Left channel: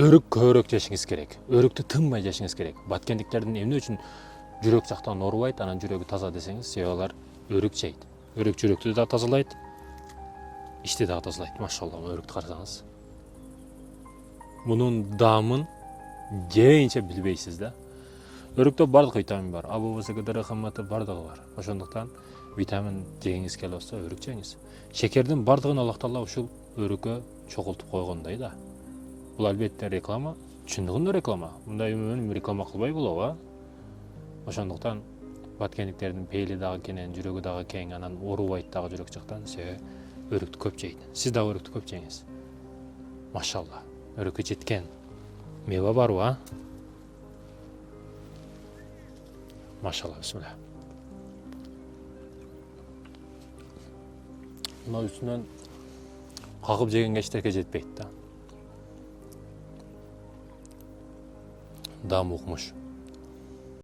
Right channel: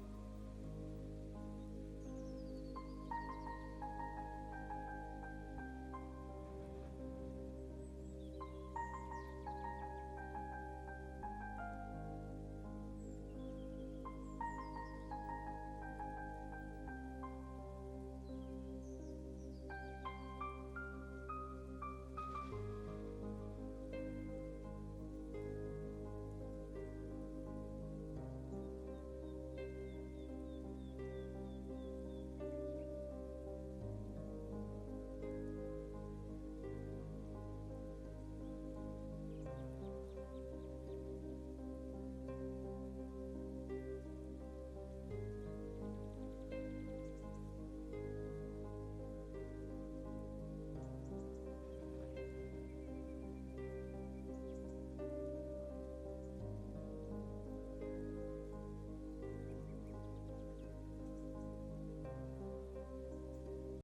өрік көбірек жешіңіз керек. Өрікті тынбай жешіңіз керек. Баткендиктердин эмне үчүн жүрөк жактан оорубайт, анан жүрөгү таза десеңиз, себеби алар өрік жейт. Өрік жүрөктү да тазалайт, ичти дагы тазалайт. Машалла, өрүктү карасаңыз. Мунун даамын жейинче билбейсиз да. Өрүктө бардык витамин бар. А болбосо КДР кымматы бардыгы бар. Ошондуктан витамин жегиңиз келип атса, өрүк жеңиз. Шекердин бардыгын Аллах Таала ушул өрүккө чогултуп койгондой да. Бул албетте реклама, чындыгында реклама. Мындай реклама кылбай болобу, а? Ошондуктан баткендиктердин пейили дагы кенен, жүрөгү дагы кең, анан оорубайт дагы жүрөк жактан, себеби өрүктү көп жейт. Сиз дагы өрүктү көп жеңиз. Машалла, өрүккө жеткен мейва барбы, а? Машалла, бисмилла. Мына үстүнөн кагып жегенге эчтеке жетпейт да. Даамы укмуш.